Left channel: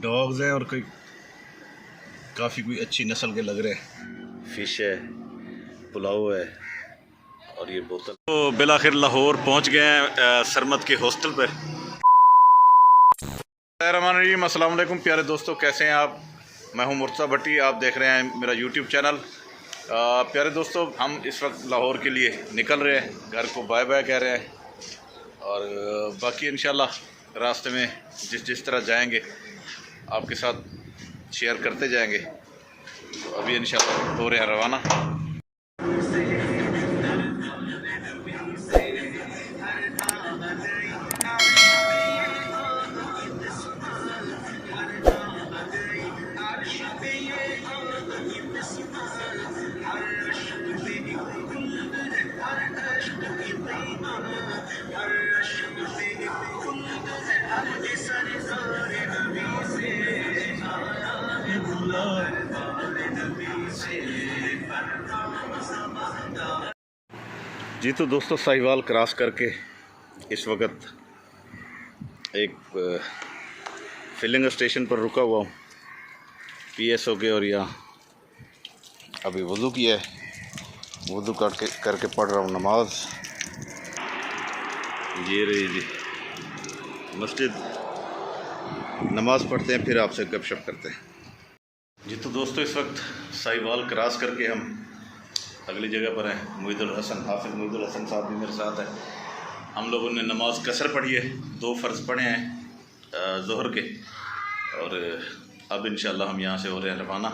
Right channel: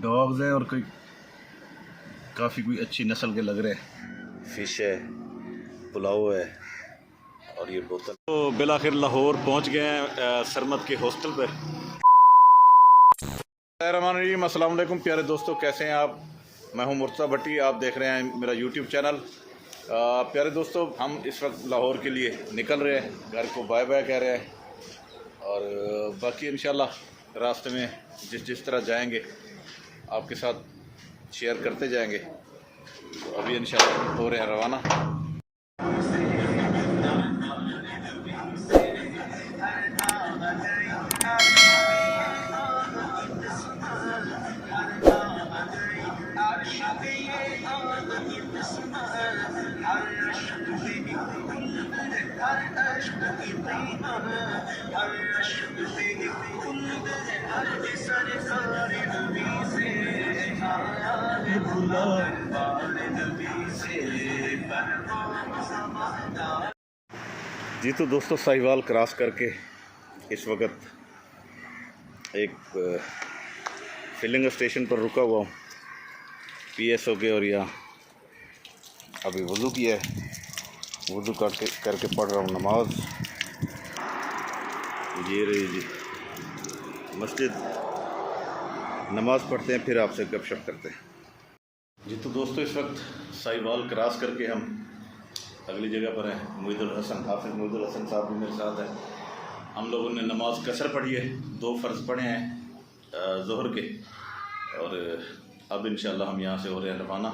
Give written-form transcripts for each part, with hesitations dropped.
Dogs हैं और कोई काफ़ी कोई अच्छी नस्ल के लग रहे हैं। फ़िश है, पुलाव है और ये बोतल। तो बिलाखिर लाहौर पहुंच गए हैं सरमद के हॉस्टल पर। अस्सलाम वालेकुम प्यारे दोस्तों, कैसे हैं आप? मैं हूं मुर्तज़ा भट्टी, आप देख रहे हैं मेरा यूट्यूब चैनल। प्यारे दोस्तों, हम इस वक्त लाहौर के लिए निकल रहे हैं, घर को बाय बाय कह रहे हैं और बाकी इंशाल्लाह रास्ते में जिस तरह जाएंगे आपके साथ शेयर करते जाएंगे। तो अभी इंशाल्लाह हो रहे हैं रवाना। जी तो दोस्तों, साहिवाल क्रॉस करके इस वक्त एक फिलिंग स्टेशन पर रुका हुआ हूँ PSO के, और यहाँ अभी वज़ू किया है, वज़ू करके पढ़ रहा हूँ नमाज। ये रही जी मस्जिद, नमाज पढ़ते हैं फिर आपसे गपशप करते हैं। जी तो दोस्तों, इस वक्त साहिवाल क्रॉस करके हम अगली जगह पर हैं। मोहिदुल हसन, हाफिज़ मोहिदुल हसन साहब भी मेरे साथ हैं। हम लोगों ने नमाज कसर पढ़ी है, 2 फ़र्ज़ पढ़े हैं ज़ोहर के, और अब इंशाल्लाह हम यहाँ से हो रहे हैं रवाना।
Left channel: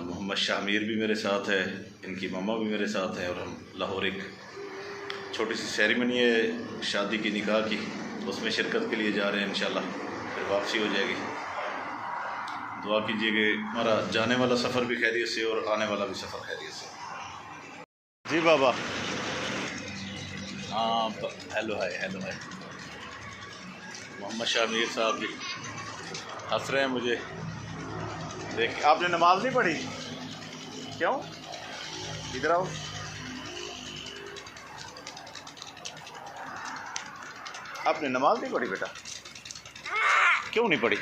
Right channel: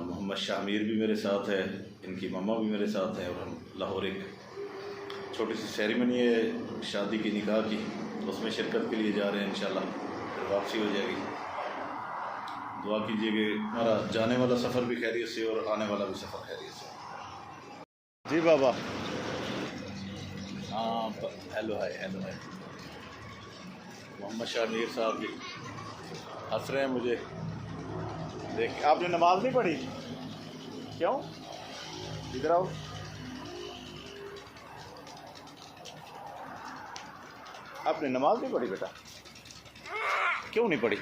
मोहम्मद शामीर भी मेरे साथ है, इनकी मम्मा भी मेरे साथ हैं, और हम लाहौर एक छोटी सी सेरेमनी है शादी की, निकाह की, उसमें शिरकत के लिए जा रहे हैं। इंशाल्लाह फिर वापसी हो जाएगी। दुआ कीजिए कि हमारा जाने वाला सफ़र भी खैरियत से और आने वाला भी सफ़र खैरियत से। जी बाबा, हाँ हेलो है मोहम्मद शामीर साहब जी हंस रहे हैं मुझे देख। आपने नमाज नहीं पढ़ी? क्यों? इधर आओ। आपने नमाज नहीं पढ़ी बेटा? क्यों नहीं पढ़ी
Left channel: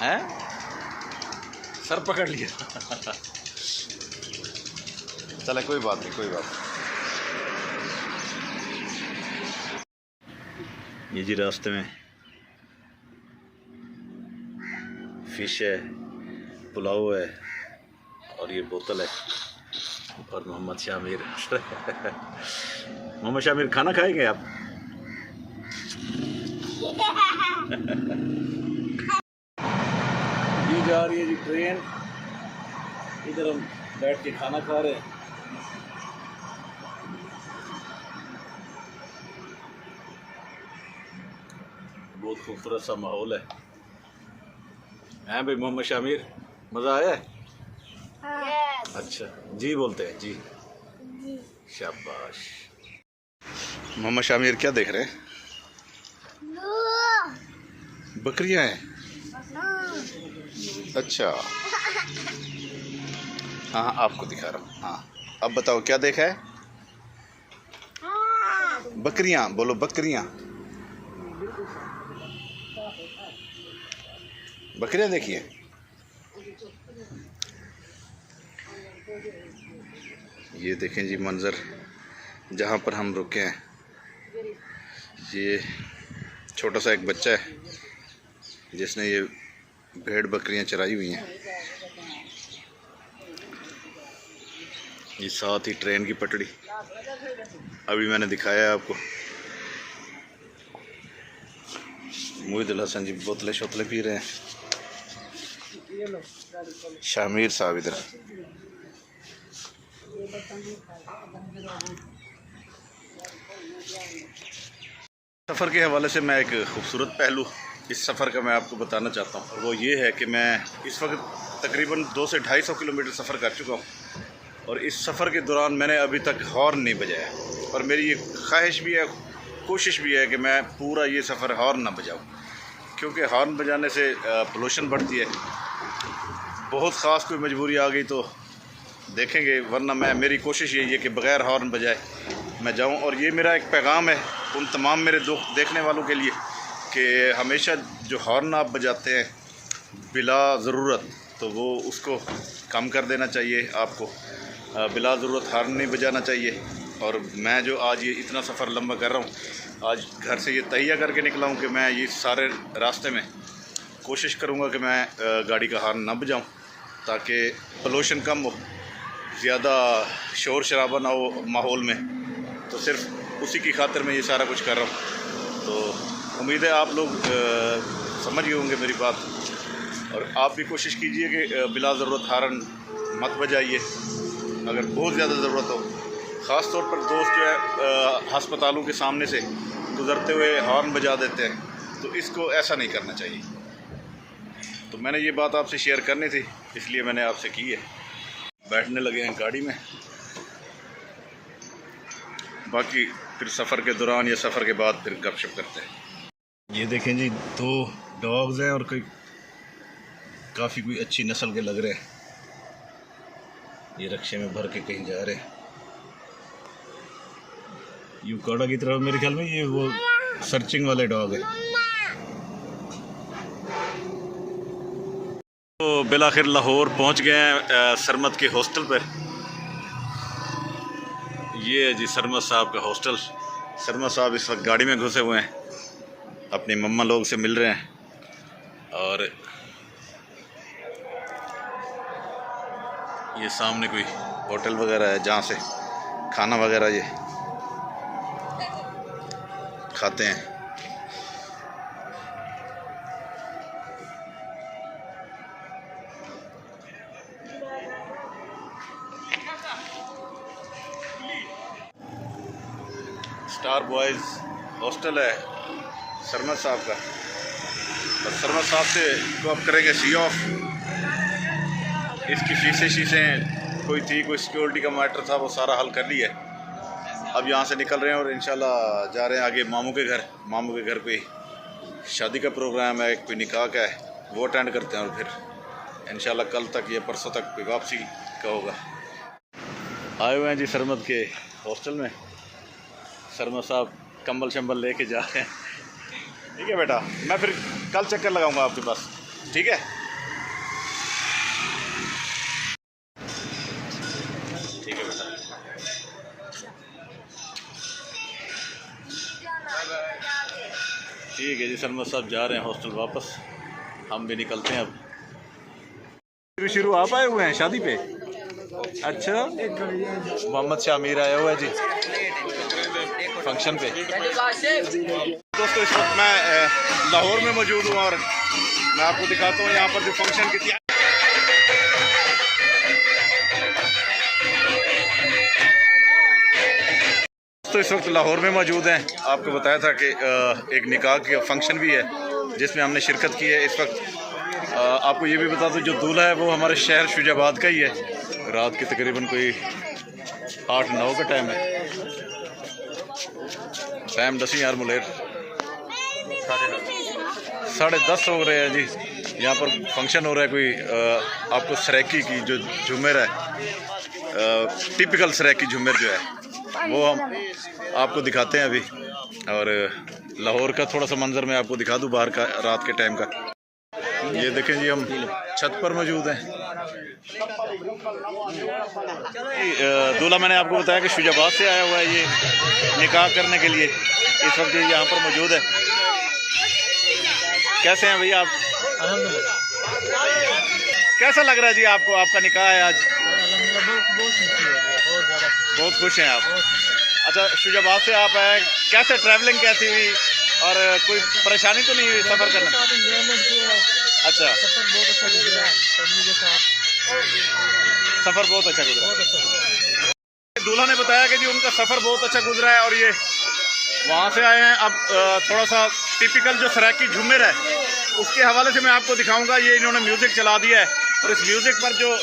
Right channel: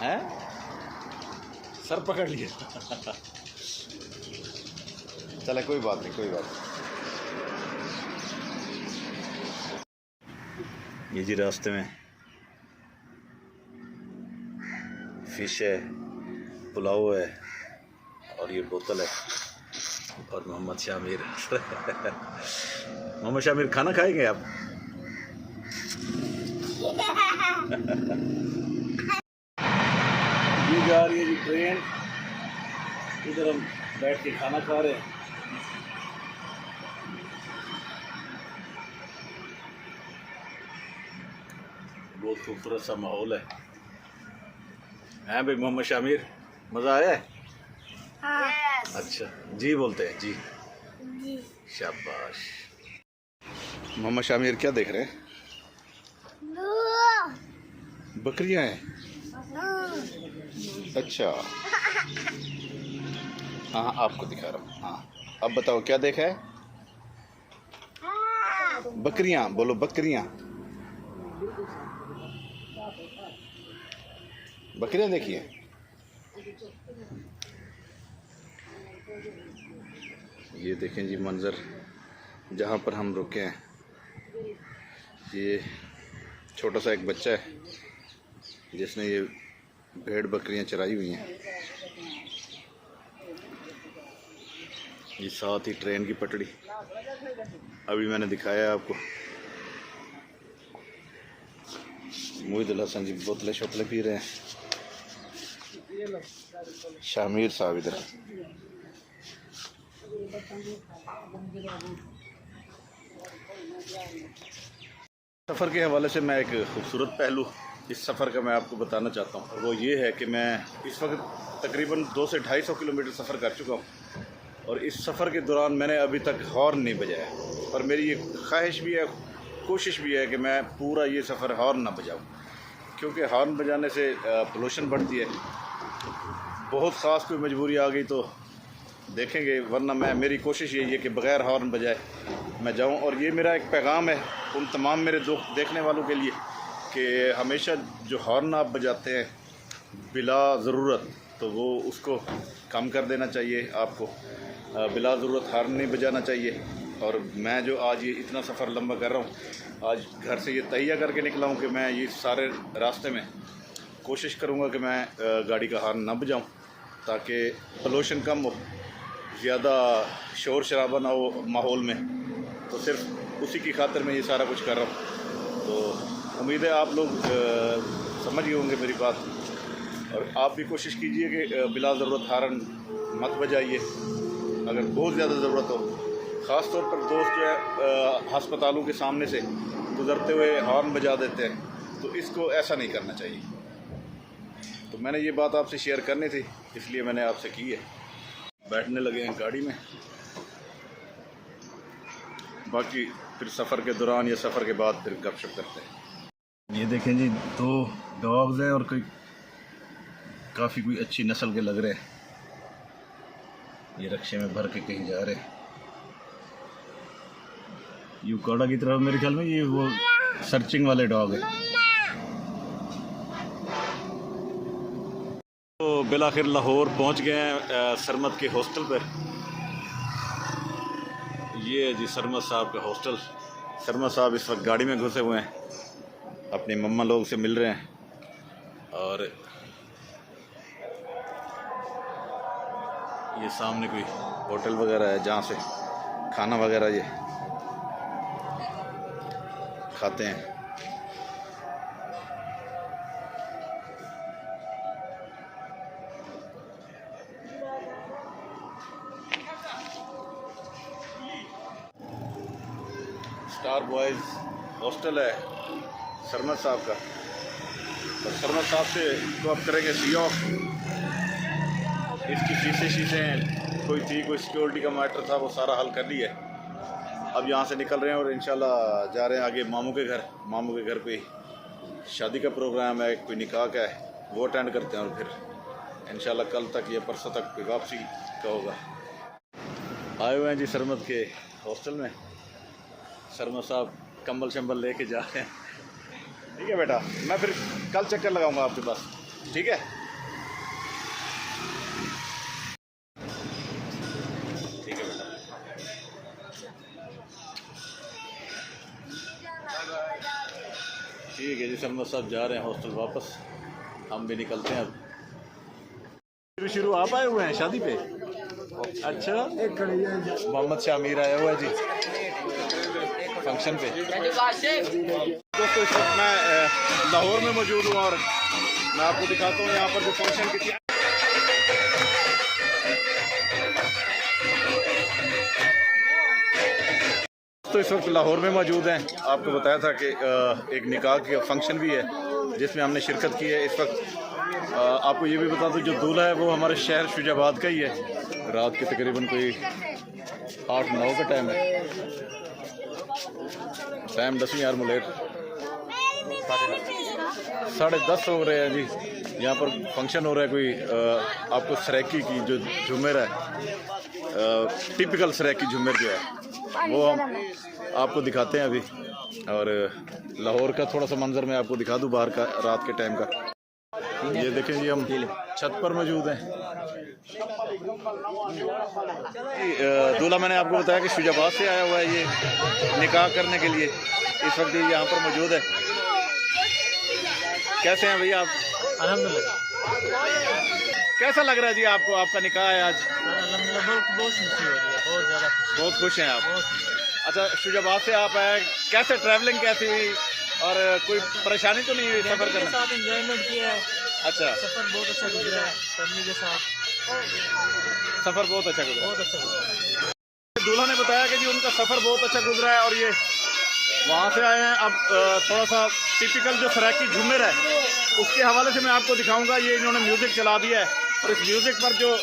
हैं? सर पकड़ लिया चले कोई बात नहीं, कोई बात नहीं। ये जी रास्ते में फ़िश है, पुलाव है और ये बोतल है, और मोहम्मद शामीर मोहम्मद शामीर खाना खाएंगे आप? ये जा रही है जी ट्रेन, इधर हम बैठ के खाना खा रहे हैं। बहुत खूबसूरत सा माहौल है। हैं भाई मोहम्मद शामीर, मज़ा आया है? हाँ। अच्छा जी बोलते हैं जी, शाबाश। मोहम्मद शामीर क्या देख रहे हैं? बकरियां हैं? अच्छा हाँ आपको दिखा रहा हूँ। हाँ अब बताओ क्या देखा है? बकरियां बोलो, बकरियां, बकरियां देखिए। ये देखें जी मंज़र जहाँ पर हम रुके हैं। ये छोटा सा एक बच्चा है जिसने ये भेड़ बकरियां चराई हुई हैं। ये साथ ही ट्रेन की पटड़ी अभी मैंने दिखाया है आपको। मोहिदुल हसन जी बोतलें शोतलें पी रहे हैं। शामीर साहब इधर। सफ़र के हवाले से मैं एक खूबसूरत पहलू इस सफ़र का मैं आपको बताना चाहता हूँ, और वो ये है कि मैं इस वक्त तकरीबन 200 से 250 किलोमीटर सफ़र कर चुका हूँ, और इस सफ़र के दौरान मैंने अभी तक हॉर्न नहीं बजाया। और मेरी ये ख्वाहिश भी है, कोशिश भी है कि मैं पूरा ये सफ़र हॉर्न ना बजाऊँ, क्योंकि हॉर्न बजाने से पोल्यूशन बढ़ती है। बहुत ख़ास कोई मजबूरी आ गई तो देखेंगे, वरना मेरी कोशिश यही है कि बग़ैर हॉर्न बजाए मैं जाऊं। और ये मेरा एक पैगाम है उन तमाम मेरे देखने वालों के लिए कि हमेशा जो हॉर्न आप बजाते हैं बिला ज़रूरत, तो वो उसको कम कर देना चाहिए आपको। बिला ज़रूरत हॉर्न नहीं बजाना चाहिए। और मैं जो आज ये इतना सफ़र लंबा कर रहा हूँ, आज घर से ये तहिया करके निकला हूँ कि मैं ये सारे रास्ते में कोशिश करूँगा कि मैं गाड़ी का हॉर्न ना बजाऊँ, ताकि पोल्यूशन कम हो, ज़्यादा शोर शराबा ना हो माहौल में। तो सिर्फ उसी की खातिर मैं ये सारा कुछ कर रहा हूँ। तो उम्मीद है आप लोग समझ गए होंगे मेरी बात, और आप भी कोशिश कीजिए कि बिला ज़रूरत हॉर्न मत बजाइए। अगर बहुत ज़्यादा ज़रूरत हो, ख़ास तौर पर दोस्त जो है हस्पतालों के सामने से गुज़रते हुए हॉर्न बजा देते हैं, तो इसको ऐसा नहीं करना चाहिए। तो मैंने ये बात आपसे शेयर करनी थी, इसलिए मैंने आपसे की है। बैठने लगे हैं गाड़ी में, बाकी फिर सफ़र के दौरान या सफ़र के बाद फिर गपशप करते हैं। ये देखें जी, 2 डॉग्स हैं और काफ़ी कोई अच्छी नस्ल के लग रहे हैं। ये रक्शे में भर के कहीं जा रहे हैं। यूकाड़ा की तरफ मेरे ख्याल में ये वो सर्चिंग वाले डॉग है। तो बिलाखिर लाहौर पहुंच गए हैं सरमद के हॉस्टल पर। ये है जी सरमद साहब का हॉस्टल। सरमद साहब इस वक्त गाड़ी में घुसे हुए हैं, अपनी मम्मा लोग से मिल रहे हैं। और ये सामने कोई होटल वगैरह है जहाँ से खाना वगैरह ये खाते हैं। स्टार बॉयज़ हॉस्टल है सरमद साहब का। और सरमद साहब से को अब करेंगे सी ऑफ। इसकी शीशें कोई थी, कोई सिक्योरिटी का मैटर था, वो सारा हल कर लिया है। अब यहाँ से निकल रहे हैं और इंशाल्लाह जा रहे हैं आगे मामू के घर। मामू के घर कोई शादी का प्रोग्राम है, कोई निकाह का है, वो अटेंड करते हैं और फिर इंशाल्लाह कल तक या परसों तक कोई वापसी का होगा। आए हुए हैं जी सरमद के हॉस्टल में। सरमद साहब कंबल शंबल लेके जा रहे हैं। ठीक है बेटा, मैं फिर कल चक्कर लगाऊंगा आपके पास, ठीक है? ठीक है बेटा। ठीक है जी, सरमद साहब जा रहे हैं हॉस्टल वापस, हम भी निकलते हैं अब। शुरू आप आए हुए हैं शादी पे? अच्छा, मोहम्मद शाह अमीर आया हुआ है जी फंक्शन पे। दोस्तों इस वक्त मैं लाहौर में मौजूद हूँ और मैं आपको दिखाता हूँ यहाँ पर जो फंक्शन की थी। तो इस वक्त लाहौर में मौजूद हैं। आपको बताया था कि एक निकाह का फंक्शन भी है जिसमें हमने शिरकत की है। इस वक्त आपको ये भी बता दूँ जो दूल्हा है वो हमारे शहर शुजाबाद का ही है। रात के तकरीबन कोई 8-9 का टाइम है। टाइम 10 यार मुलेर 10:30 हो रहे हैं जी। यहाँ पर फंक्शन हो रहा है कोई आपको सराकी की जो झूमर है, टिपिकल सराकी झूमर जो है वो हम आपको दिखाते हैं अभी। और लाहौर का थोड़ा सा मंजर मैं आपको दिखा दूँ बाहर का रात के टाइम का। ये देखें जी, हम छत पर मौजूद हैं। दूल्हा मैंने आपको बताया कि शुजाबाद से आया हुआ है ये निकाह करने के लिए। इस वक्त ये यहाँ पर मौजूद है। कैसे हैं भैया आप? अल्हम्दुलिल्लाह। कैसा लग रहा है जी आपको? आपका निकाह है आज। बहुत खुश हैं आप? अच्छा, शुजाबाद से आप आए, कैसे ट्रैवलिंग कैसी हुई और कोई परेशानी तो नहीं हुई सफ़र करने? एंजॉयमेंट किया। अच्छा, सफ़र बहुत अच्छा गुजरा फैमिली के साथ। सफ़र बहुत अच्छा गुजरा। बहुत अच्छा गुजरा। दूल्हा ने बताया कि जी उनका सफ़र बहुत अच्छा गुजरा है और ये वहाँ से आए हैं। अब थोड़ा सा टिपिकल जो सराकी झूमर है उसके हवाले से मैं आपको दिखाऊंगा। ये इन्होंने म्यूज़िक चला दिया है और इस म्यूज़िक पर जो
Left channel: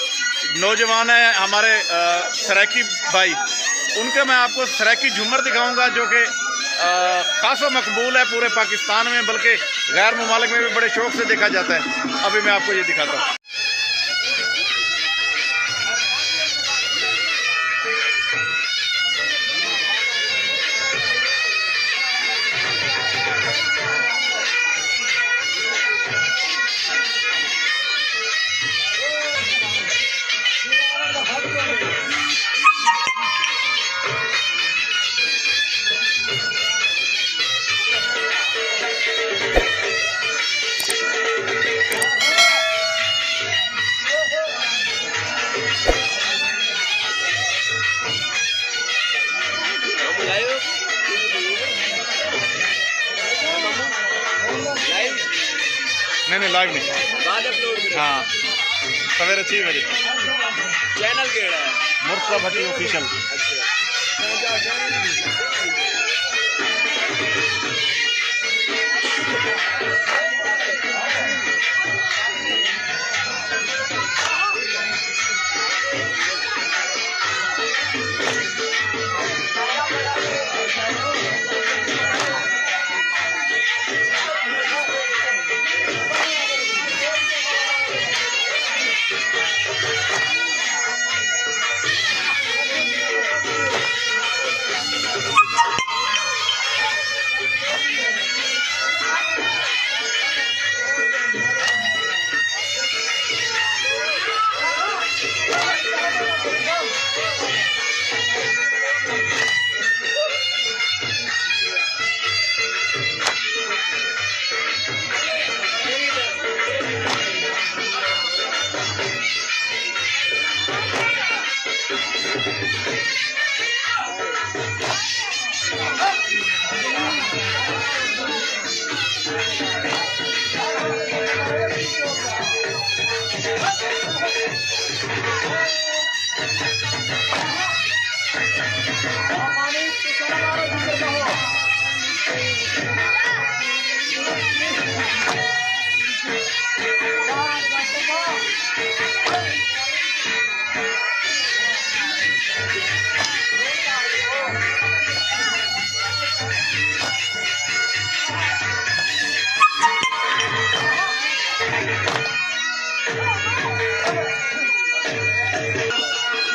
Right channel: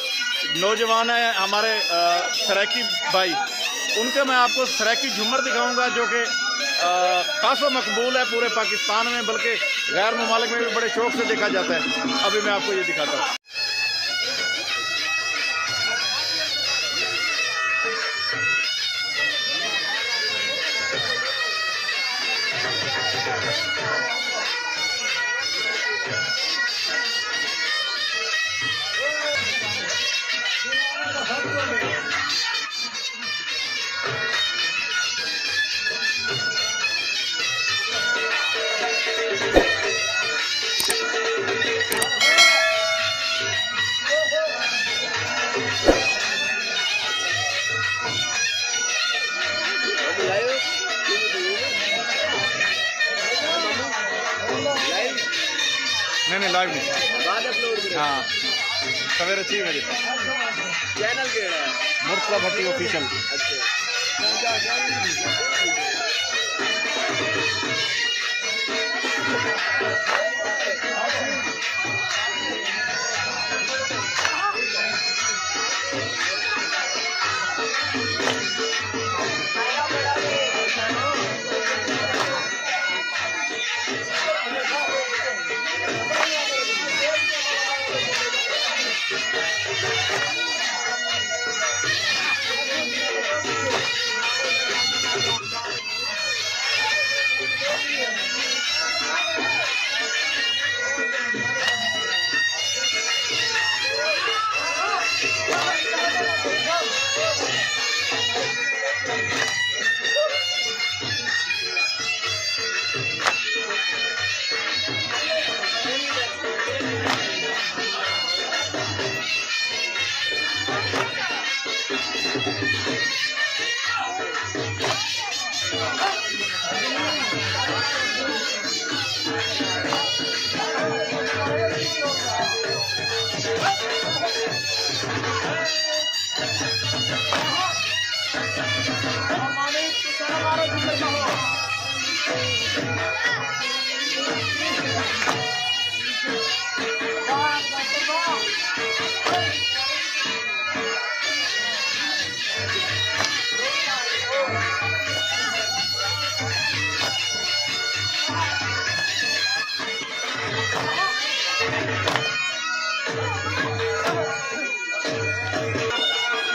नौजवान हैं हमारे सराकी भाई, उनके मैं आपको सराकी झूमर दिखाऊंगा जो कि खासा मकबूल है पूरे पाकिस्तान में, बल्कि गैर ममालिक में भी बड़े शौक़ से देखा जाता है। अभी मैं आपको ये दिखाता हूँ। नहीं लाइव नहीं बाद अपलोड करें हाँ सवेरे 6 बजे चैनल केड़ा है मुर्तज़ा भट्टी ऑफिशियल। अच्छा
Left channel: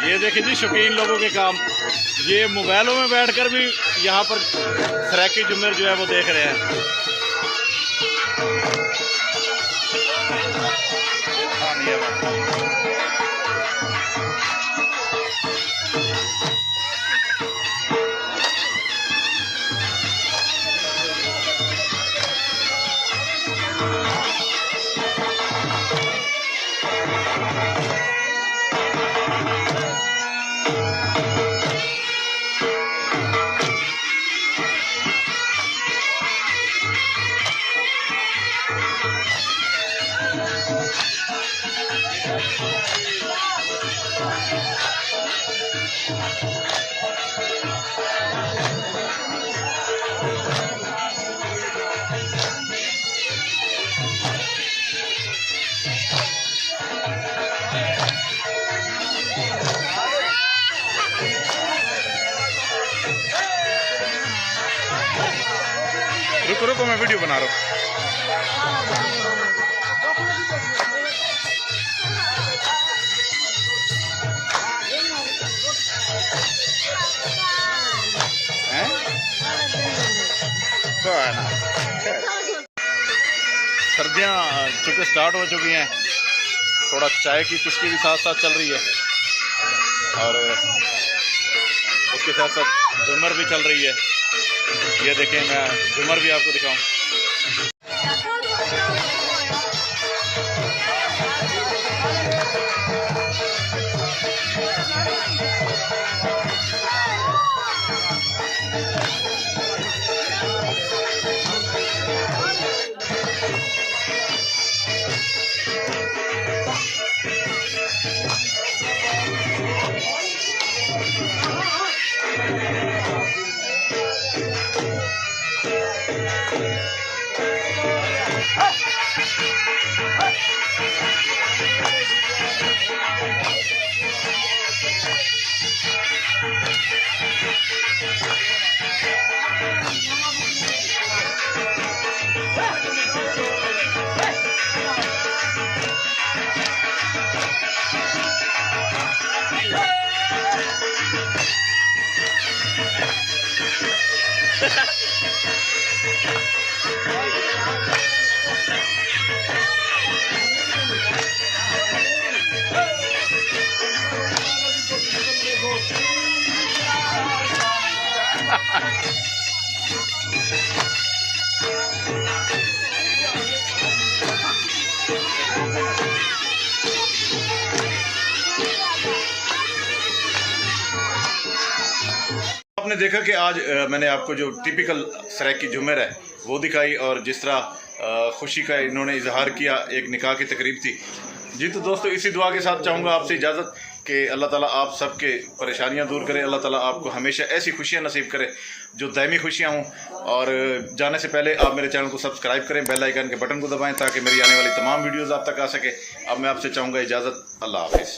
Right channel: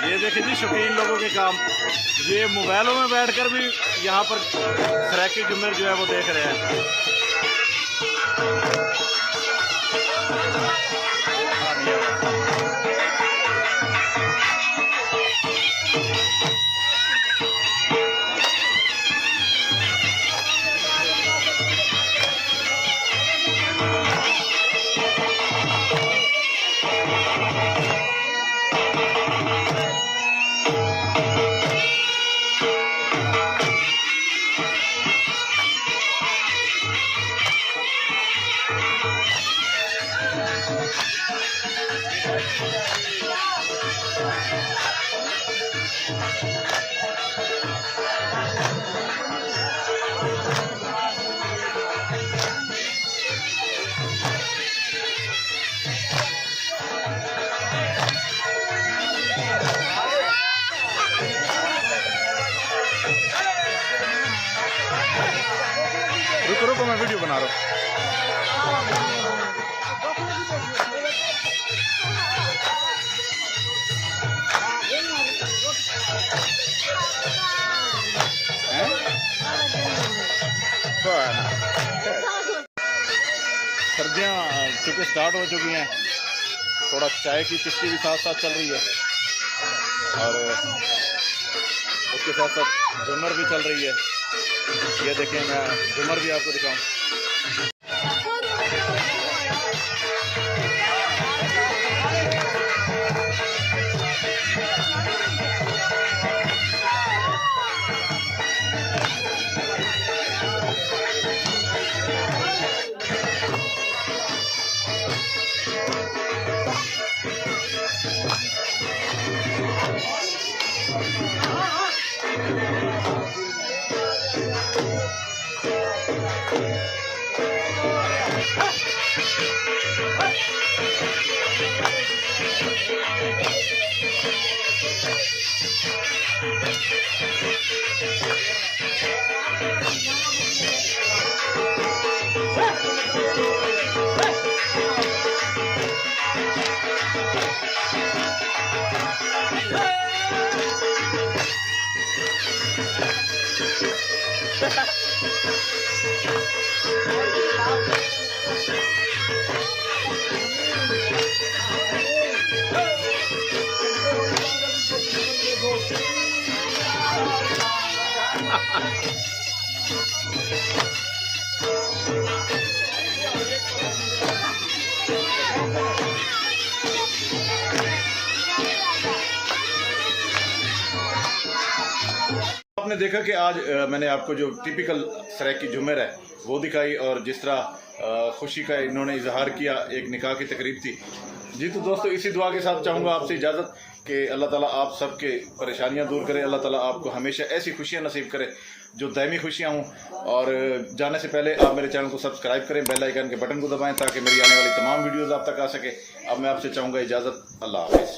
ये देखिए जी शौकीन लोगों के काम, ये मोबाइलों में बैठकर भी यहाँ पर सराकी जुमेर जो है वो देख रहे हैं। रुको रुको मैं वीडियो बना रहा हूँ। सर्दियाँ चूँकि स्टार्ट हो चुकी हैं, थोड़ा चाय की चुस्की भी साथ साथ चल रही है और उसके साथ साथ झूमर भी चल रही है। ये देखें, मैं झूमर भी आपको दिखाऊं। आपने देखा कि आज मैंने आपको जो टिपिकल सराकी झूमर है वो दिखाई, और जिस तरह खुशी का इन्होंने इजहार किया। एक निकाह की तकरीब थी जी। तो दोस्तों इसी दुआ के साथ चाहूँगा आपसे इजाज़त कि अल्लाह ताला आप सबके परेशानियां दूर करे, अल्लाह ताला आपको हमेशा ऐसी खुशियां नसीब करे जो दायमी खुशियां हों। और जाने से पहले आप मेरे चैनल को सब्सक्राइब करें, बेल आइकन के बटन को दबाएं ताकि मेरी आने वाली तमाम वीडियोज़ आप तक आ सके। अब मैं आपसे चाहूँगा इजाज़त, अल्लाह हाफिज़।